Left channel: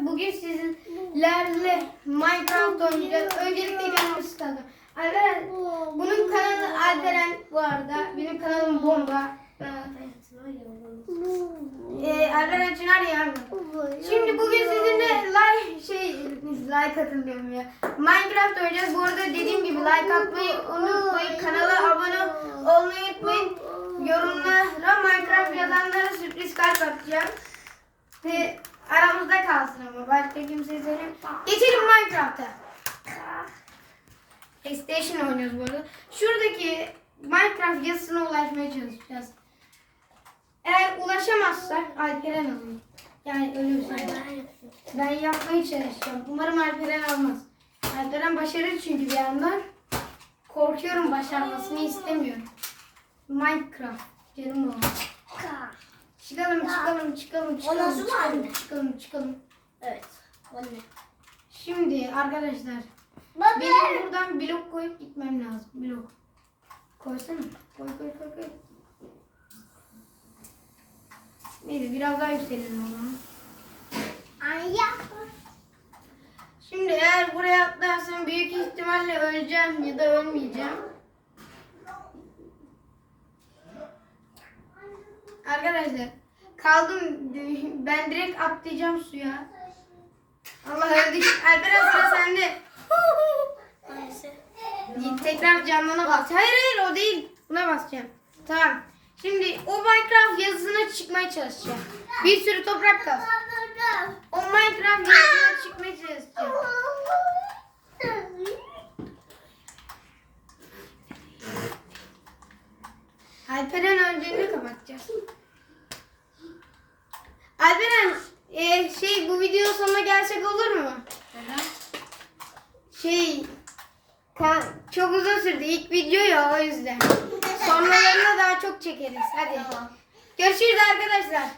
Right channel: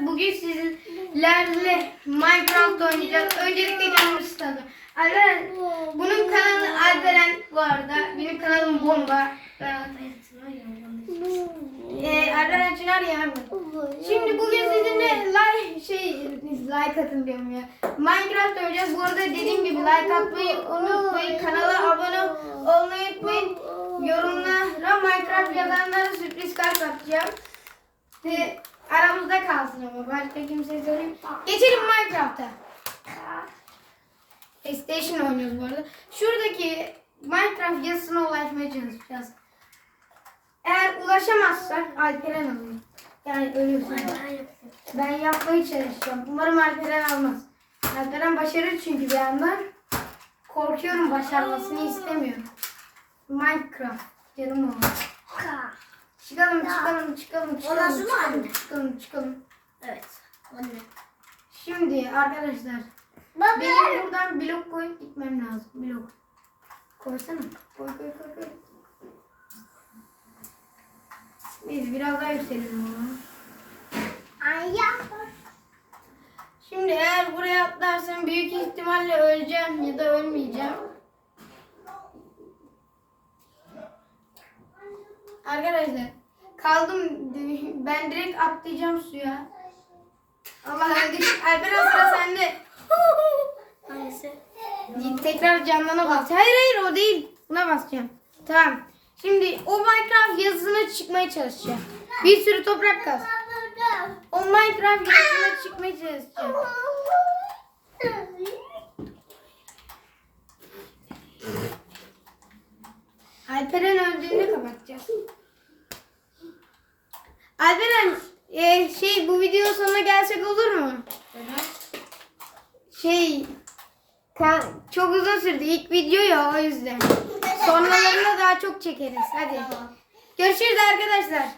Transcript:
Bugün sizlerle Minecraft oynayacağız. Öncelikle canımı sıkalım. Alperen, bunun kanalı Alperen bu arada. Benim kanalım Bomba. Ee, Alperen Çınar ya. Şimdi bugün sizinle like şey like atın diyorum ya. Minecraft oynayacağız. Bu arada dediğim gibi like atmayı unutmayın. Kanala abone olmayı unutmayın. Yorumlara Minecraft yazanlara sürpriz kart atacağım. Ve aramızda kalsın ama başka kimseye söyleyeyim. Geçelim Minecraft'a. PlayStation oynuyoruz bu arada. Şuradaki Minecraft yazısına ulaşmaya çalışacağız. Eğer ulaşamazsak Alperen alır. Yani ölürsün. Ben yapmaya çalışacağım. Umarım Alperen almaz. Alperen başarır çünkü bir yandan. Korkuyorum başarmasını istemiyorum. Minecraft. Canım o. Çıkalım çıkalım çıkalım çıkalım. Sonra çıkalım, anne. çıkalım çıkalım. Evet. Anne. Şimdi arkadaşlar Baba. benim buradan blok koyup gitmem lazım. Blok. Koysana. Koy koy koy koy. Biz biraz daha yükselelim onu. Anne. Şimdi eğer buraya atlarsam büyük ihtimalle öleceğim ya da ölmeyeceğim. Arkadaşlar kaldım ben direkt atlayacağım suya. Allah öldük. Alperen sıra sende. Hangisi? Tekrar canlana bas. Hayır hayır o değil. Buna basacağım. Tamam. Şimdi o Minecraft yazısına çıkmaya çalışacağım. Bir sürü toprak kaz. O Minecraft yazısına çıkmaya çalışacağım. Alperen öldüğünde kapatacağız. Alperen e, şey bu video sonuna gelsek olur mu? Şey ka- çok uzun sürdü. İlk video ya o yüzden. Sonralarını daha çok çekeriz. Hadi. Tamam. Görüşürüz arkadaşlar.